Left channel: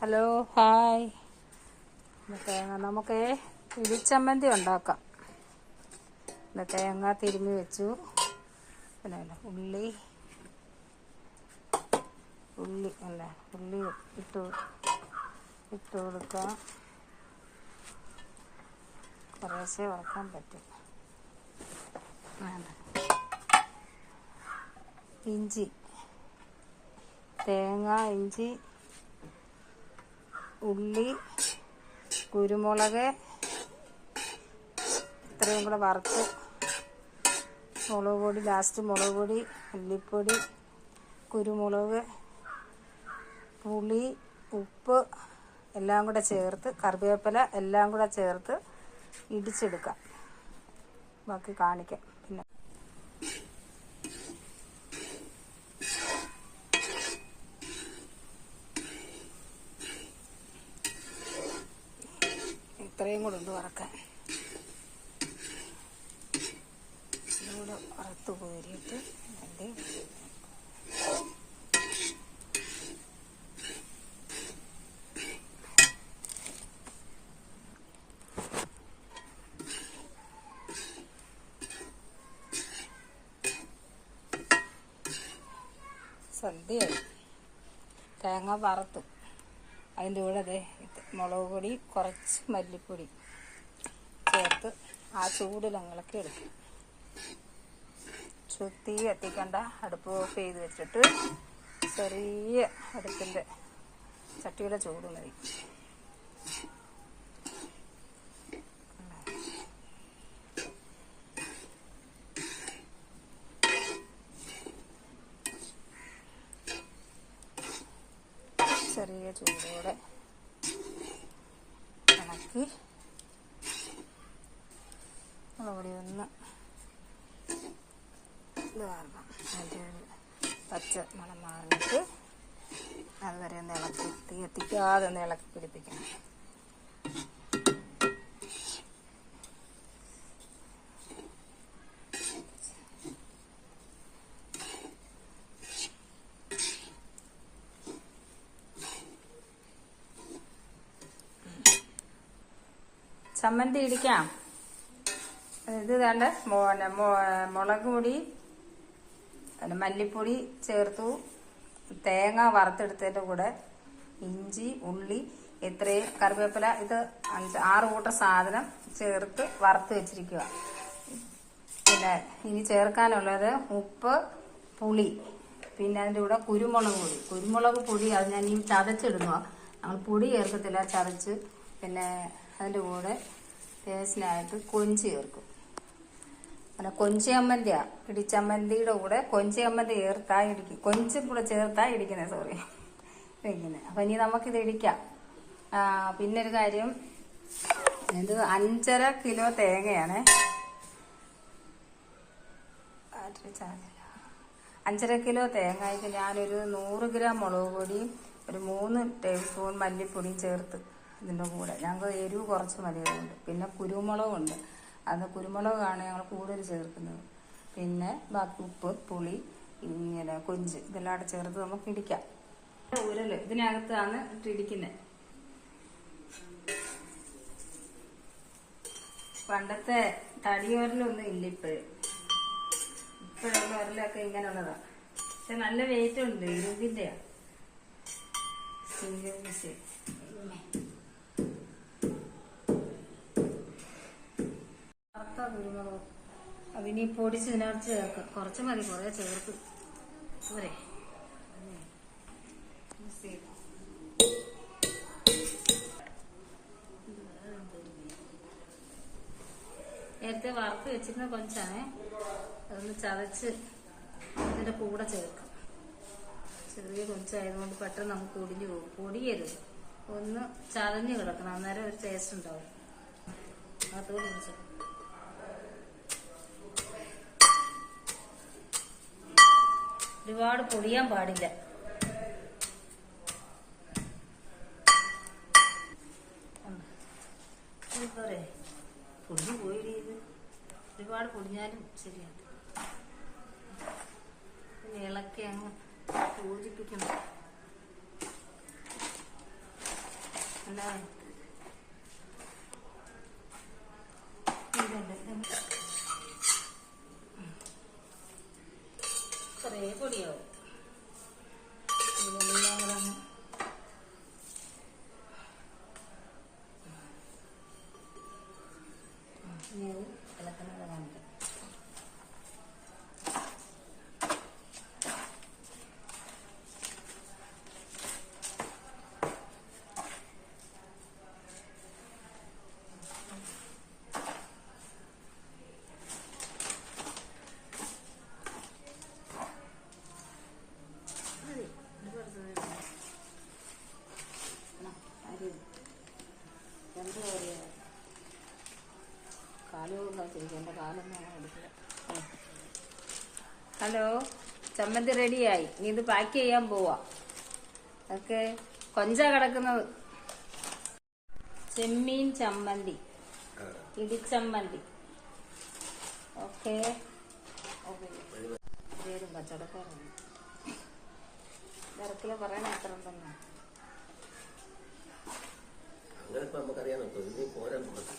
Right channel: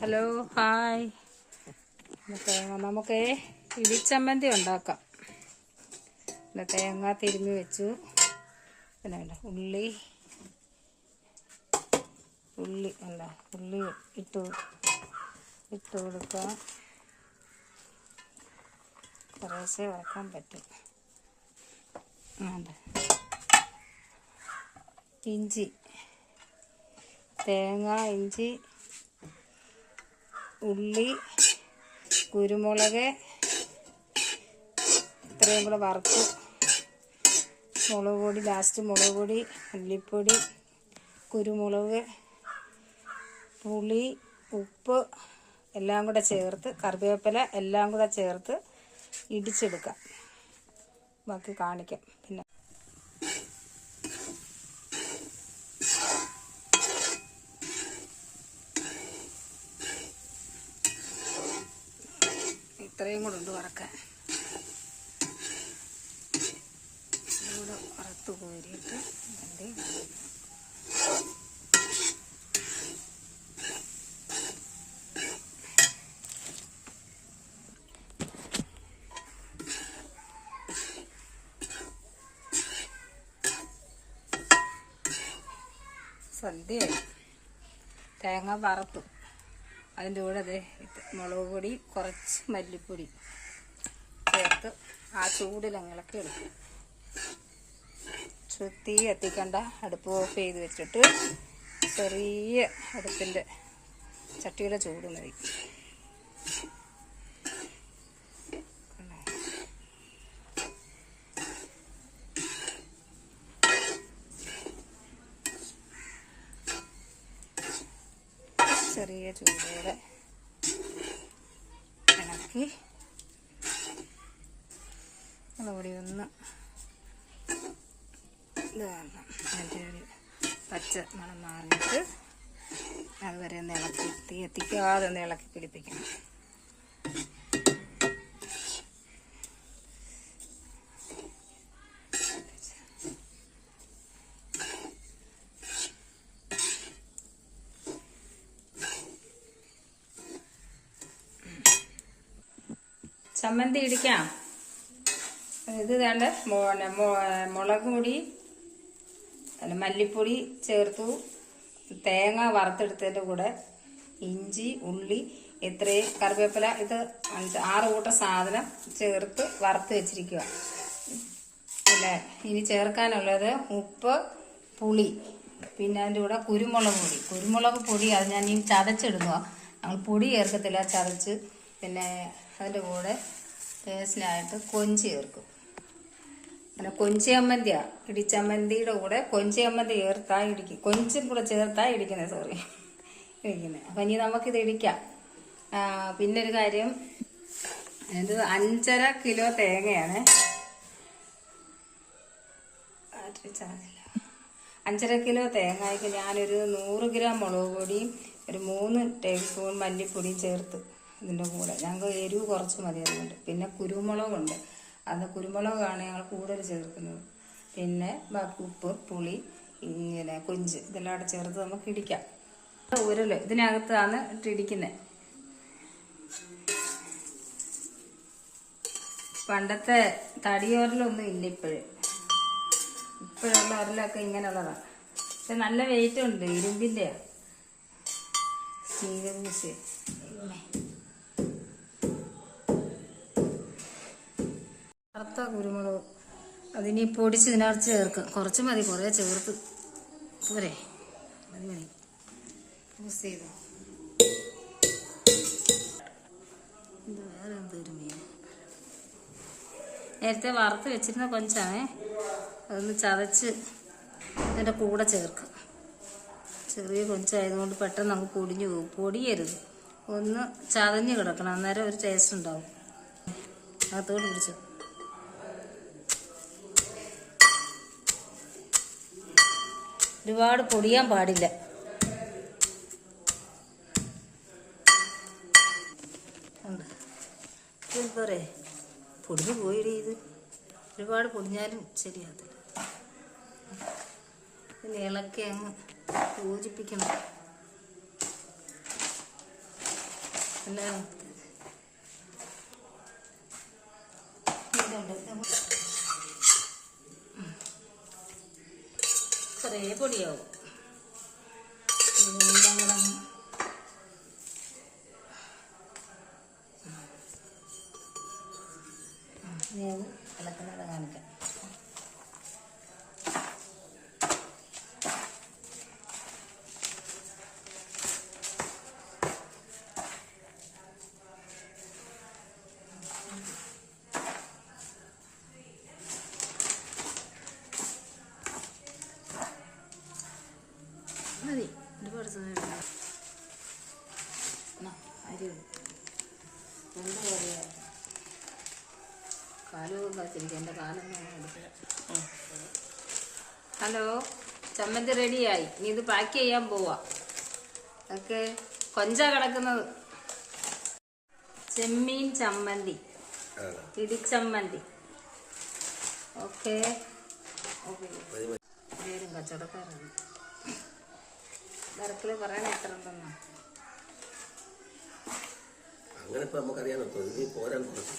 Hello hi. നമുക്ക് ഇടിച്ചമ്മന്തി ഉണ്ടാക്കാം. പിന്നെ തേങ്ങ തിരുമ്മി വെച്ചു. പിന്നെ ഉള്ളി ഉള്ളി അല്ല ഉള്ളി ഇട്ട് ഇട്ട് കൊടുക്കാം. കുറേശ്ശെ വറക്കാൻ പറ്റും. ഇഞ്ചി. തേങ്ങ ഇഞ്ചി ഉള്ളി കുരുമുളക് ഇത്രയും കൂടെ വറുത്തു. മുളക് പൊടി ലാസ്റ്റ് മുളക് പൊടി മല്ലിപ്പൊടി കുരുമുളക് പുളി ഉപ്പ് എല്ലാം കൂടെ ചേർത്ത് കറിവേപ്പില എല്ലാം കൂടെ ചേർത്ത് ഇടിച്ചെടുക്കാം. ബാക്കി കാണിക്കാം. പിന്നെ ഇത്രയും കൂടെ ഉണ്ട് വറക്കാൻ. ഇതുകൂടെ വറുത്ത് കോരിയിട്ട് അതിന്റെ സന്ധ്യയായി തേങ്ങ വറുത്തു. അതിന്റെ കൂടെ അതെ മുളക് പൊടി കുറച്ച് മല്ലിപ്പൊടി ചേർത്ത് ആ ചൂടിൽ അങ്ങനൊക്കെ എടുക്കും. തീ കത്തിക്കണ്ട അടുപ്പ് ഓഫ് ചെയ്ത് വെച്ചിട്ട് ചെറിയ അടുപ്പിന്റെ ചട്ടിയുടെ ചൂട് മതി. ചെറിയ ചൂടോടെ ഇളക്കി മുളകുപൊടി ഒന്ന് ഇതാക്കണം അതിന്റെ പച്ച മണം മാറിയിട്ട് അതുവരെ ഒന്ന് ഇളക്കി തീ എത്തിക്കാതെ ഒന്ന് ഇളക്കി പിടിപ്പിക്കണം. ചമ്മന്തി ഇടിക്കാം. ഇത് വേണ്ട മുളക് പൊടി അല്ല മല്ലിപ്പൊടി ചേർത്തു. തേങ്ങ വറുത്തെടുത്തതിന്റെ കൂടെ ഇഞ്ചി ഉള്ളി ഇത്രയും കറിവേപ്പില ഇത് അഞ്ച് ആറ് കൂട്ടം സാധനം ചേർത്ത് വറുത്ത് വെച്ചിരിക്കുക പിന്നെ ഇനി ചേർക്കാനുള്ളത് ഉപ്പ് പുളി പിന്നെ അതിന്റെ കൂടെ കുരുമുളക് പൊടി. കുരുമുളക് പൊടി അത് ഞാൻ ഈ ചതച്ചിടുന്നു ഞങ്ങൾ പൊടി ചേർക്കത്തില്ല ചതച്ച്. പിന്നെ അതിന്റെ കൂടെ ടേസ്റ്റിനായിട്ട് കൊഞ്ച് ചേർക്കും. അങ്ങനെ കൊഞ്ചി അമ്മന്തിയാ ഇടിച്ചമ്മന്തിയുടെ കൂടെ കൊഞ്ചി അമ്മന്തി ചേർത്താ ഇടിക്കും. കൊഞ്ചും കൂടെ ചേർത്താ ഇടിക്കുന്നത് സോറി ഇടിക്കുന്നത് അപ്പം ഇനി നമുക്കിത് ഇടിക്കാം. പിന്നെ ഒരു കാര്യം. ഇത് അഞ്ചര കിലോ തേങ്ങയാണ്. അഞ്ചര കിലോ തേങ്ങയ്ക്ക് ഞാനൊരു നൂറ് ഗ്രാം മുളക് പൊടിയും ഒരു മൂന്ന് ടേബിൾ സ്പൂൺ മല്ലിപ്പൊടിയും ചേർത്ത് ഇതിന്റെ കൂടെ. ഞങ്ങൾക്ക് എരിവ് കുറച്ച് മതി അതുകൊണ്ട്. പിന്നെ കുരുമുളകുണ്ട്. അത് കുരുമുളകാണ് ഞങ്ങൾ കൂടുതൽ ചേർക്കുന്നത്. പിന്നെ ബാക്കി ഉപ്പ് പുളി ഇങ്ങനെ കൊഞ്ച് ഇതെല്ലാം കൂടെ ചേർത്ത് നമുക്ക് ഇടിക്കാം. ഉരൽ ഇതിനകത്താണ് ഇട്ടിടിക്കുന്നത് പണ്ടത്തെ തടിയോരലൊന്നും ഇല്ല ഇപ്പോഴും. ഇപ്പോഴുള്ള ഉരലൊക്കെ ഇങ്ങനെയുള്ളതാണ് പക്ഷെ നല്ല വെയിറ്റ് ഉണ്ട് ഇരുമ്പ് ഇരുമ്പ് കുരുമുളക്. അതിനി പൊടിച്ച് ഇതിനകത്ത് ചേർക്കും. കുറച്ച് മതി കുറേ ചേർത്ത്. പോരെ. മിക്സ് ചെയ്ത്. നേരത്തെ വറുത്ത് വെച്ചിരുന്ന കൊഞ്ചാണേ അതൊന്ന് ചതച്ച് അതിന്റെ കൂടെ ചേർക്കാം. ചെറിയ കൊഞ്ചായതുകൊണ്ട് പെട്ടെന്ന് നമുക്ക് പൊടിഞ്ഞു പോകും. പൊടിയരുത്. ഒന്ന് ചതഞ്ഞ് കിടക്കണം. അന്നേരം ഒരു ടേസ്റ്റ് ഉണ്ടാവും. അകത്തോട്ട് പിടിച്ചു. ഒരുപാട് പൊടിയാൻ പാടില്ല. പറയേ? പൊടിഞ്ഞു പോയിടി ഇത്. ഒരുപാട് പൊടിഞ്ഞാലും ശരിയാകത്തില്ല പിന്നെ ഇളക്കി അങ്ങ് യോജിപ്പിക്കണം. അല്ലേ ചെറിയ പൊടിയാവും. എന്റെ കാലൊന്നും. ഹലോ? ചമ്മന്തി റെഡിയായി. ഇനി ഇത് പാക്ക് ചെയ്യാൻ പോവാ. ഓക്കെ. കൊഞ്ച കിടക്കുന്നത്. ചെമ്മീൻ ചമ്മന്തി. ഇടിച്ചമ്മന്തി. ഓക്കെ. ഓക്കെ പേരും കച്ചവടക്കാരാണ്. നിരക്കിൽ പറയണ എത്ര ഉണ്ടെന്നാ. അങ്ങനെ ഇപ്പൊ ഇനി പോരാൻ കുറച്ച്